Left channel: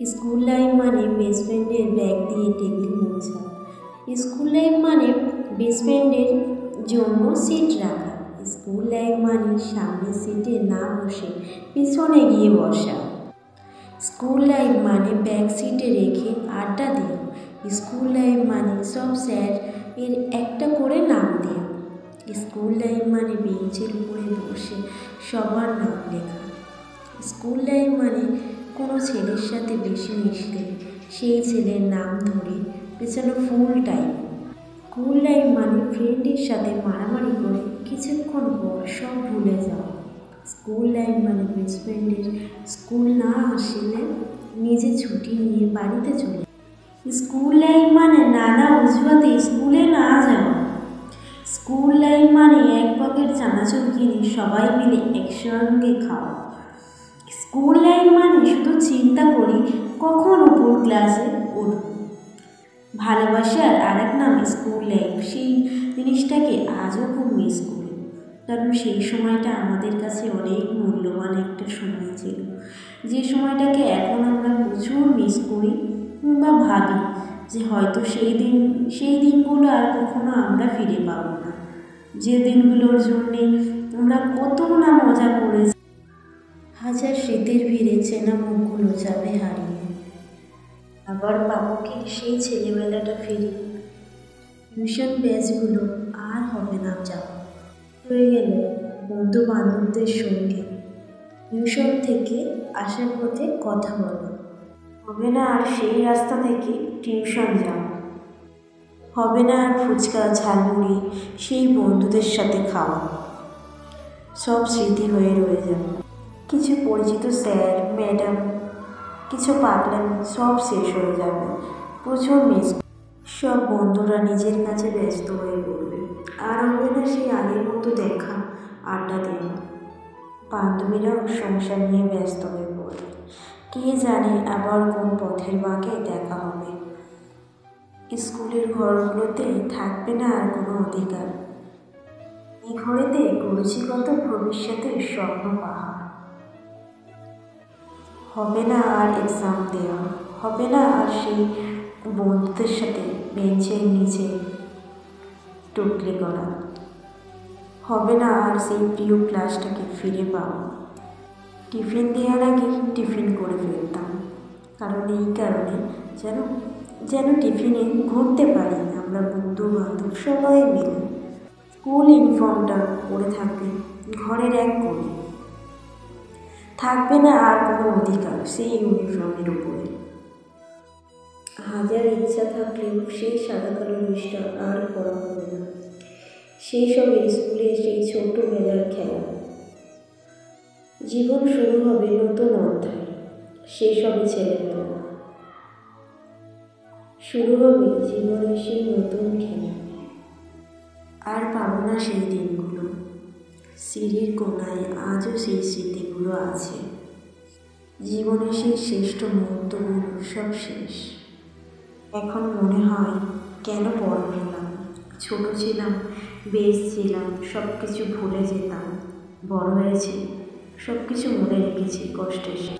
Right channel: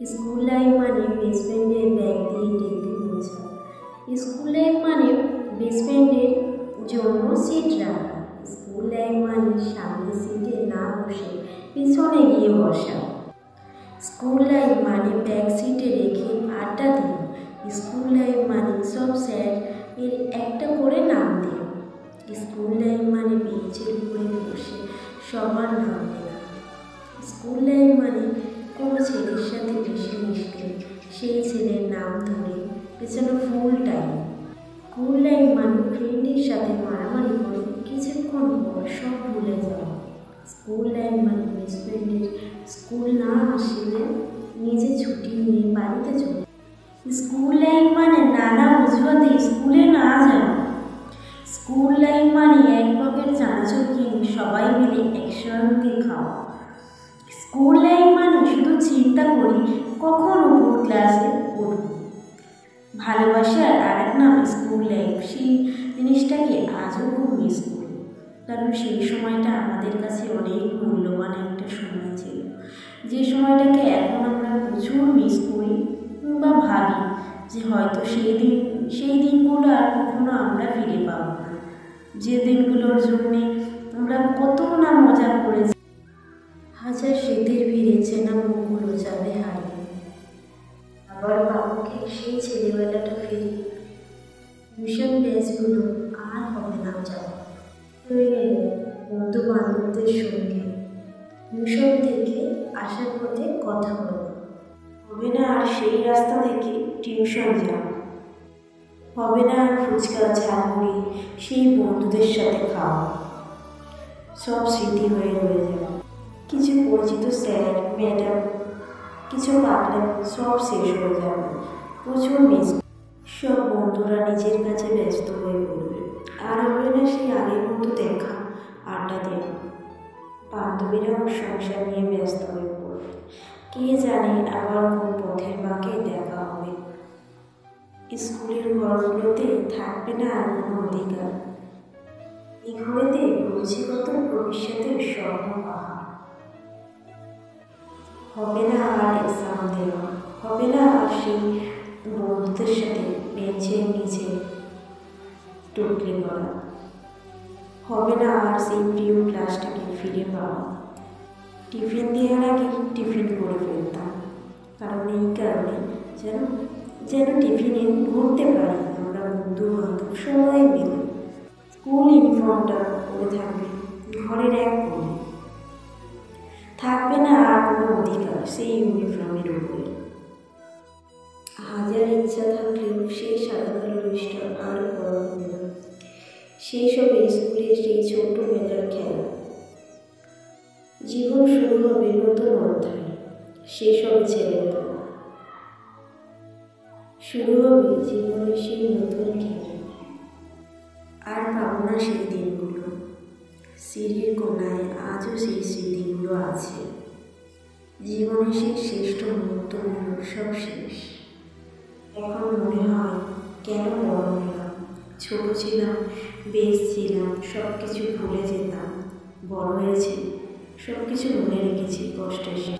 School life মানে best ফ্রেন্ডের bag দিয়ে টেবিল মোছা। স্কুল লাইফ মানে বেস্ট ফ্রেন্ডের জন্য সিট রাখা। স্কুল লাইফ মানে সামনের সিটে না বসে পিছনে গিয়ে বসা। স্কুল লাইফ মানে ব্যাক সিটে রেখে আড্ডা দেওয়া। স্কুল লাইফ মানে সব স্যার এর একটা করে নাম দেওয়া। স্কুল লাইফ মানে বেঞ্চের উপরে বসে সবার নাম লেখা। স্কুল লাইফ মানে কোনো ছেলের সাথে বেশি মিশলে সেই ছেলের নাম ধরে পেছনে ফুল টাইম। স্কুল লাইফ মানে ফ্রেন্ডের সাথে মারামারি করে কিছুক্ষণ পর সব ভুলে যাওয়া। স্কুল লাইফ মানে বেস্ট ফ্রেন্ডের স্কুল না আসলে নিজে ছুটি নিয়ে বাড়িতে চলে। স্কুল লাইফ মানে নানা অজুহাতে স্কুলে না যাওয়া। স্কুল লাইফ মানে এক পকেট চানাচুর কিনে সবাই মিলে একসঙ্গে খাওয়া। স্কুল লাইফ মানে শুধু চিন্তা করি কখন উপর ক্লাসে উঠব। ভালোবাসার আরেক নাম স্কুল লাইফ। সেই জিনিসটাকে আজও খুব মিস করি, কারণ সেই সময়টা আমাদের কাছে অনেক মূল্যবান একটা সময় ছিল, যে সময়টাকে এখন আমরা প্রচুর মিস করি বা ভাবি যে হয়তো সেই দিনগুলো আর কখনো আমরা ফিরে পাবো না, যে দিনগুলোর জন্যে আমরা কত না মজা করেছি। হাজার স্মৃতির ভিড়ে চেনা মুখগুলো যাবে হারিয়ে, আবার পাবো কি সেই ছেলেবেলাটা ফিরে। টিউশন ব্যাচগুলো আর হবে না যাওয়া, হয়ে গেল বন্ধু বান্ধবদের সঙ্গে টিউশন থেকে আসার পথে কথা বলা। হবে না আর সেই রাস্তা থেকে টিউশন যাওয়া। হবে না আর ফুচকা ঝালমুড়ি সেই বন্ধুদের সাথে খাওয়া। সব স্মৃতি হয়ে রয়ে যাবে। কিছু পরিচিত স্যার ম্যাডাম, কিছু পাগলামি সব শেষ হয়ে যাবে। প্রচুর মিস। সব বন্ধুরা নিজের কাছে ব্যস্ত হয়ে পড়বে। আর হবে না সেই আগের মতো দেখা আড্ডা দেওয়া। বান্ধবীরাও সংসার নিয়ে ব্যস্ত হয়ে পড়বে। কে জানে আবার কোন পথের বাঁকে দেখা হবে। স্কুলের ঘরগুলোতে থাকবে না আর কোনো অধিকার। এই ঘরেতে করেছি কত ভবিষ্যতের স্বপ্ন পাহাড়। হবে না আর এক্সাম দেওয়া। হবে না আর সেই বন্ধুদের সাথে বেঞ্চের নিচে টুকলি করা। হবে না আর সেই প্রিয় ক্লাসটাকে ফিরে পাওয়া। টিফিন দেওয়ার আগে টিফিন করে ফেলতাম, কারণ এই কারণে যেন টিফিনে ঘুরতে পারি আমরা বন্ধু বান্ধব সবাই মিলে। স্কুল ইউনিফর্মটা পরে থাকবে ঘরের এক কোণে। থাকবে না আর কোনো অধিকার সেই ইউনিফর্মের উপরে। হাজার ইচ্ছা থাকলেও সেই সাদা কালো ড্রেসটা আর পরা হবে না। সেই সবে স্কুলে সেই ছোটবেলার খেলা। জীবন শুরু হবে নতুন অধ্যায়। সেই সবে ছেলেবেলা শুরু হবে জীবনের সেই নতুন খেলা। আর পাবো না সেই দিনগুলো। সিঁড়ির কোনায় আজও সেই স্মৃতিগুলো আছে। জীবনের সেই শ্রেষ্ঠ মুহূর্তগুলো সব শেষ। এখন মনে হয় কেন বড় হলাম। ছোট ছিলাম, বেশ ছিলাম, সব কিছু ভুলে যেতাম। বড় হয়েছি, সব কিছু মনে রেখেছি কষ্টের শেষ।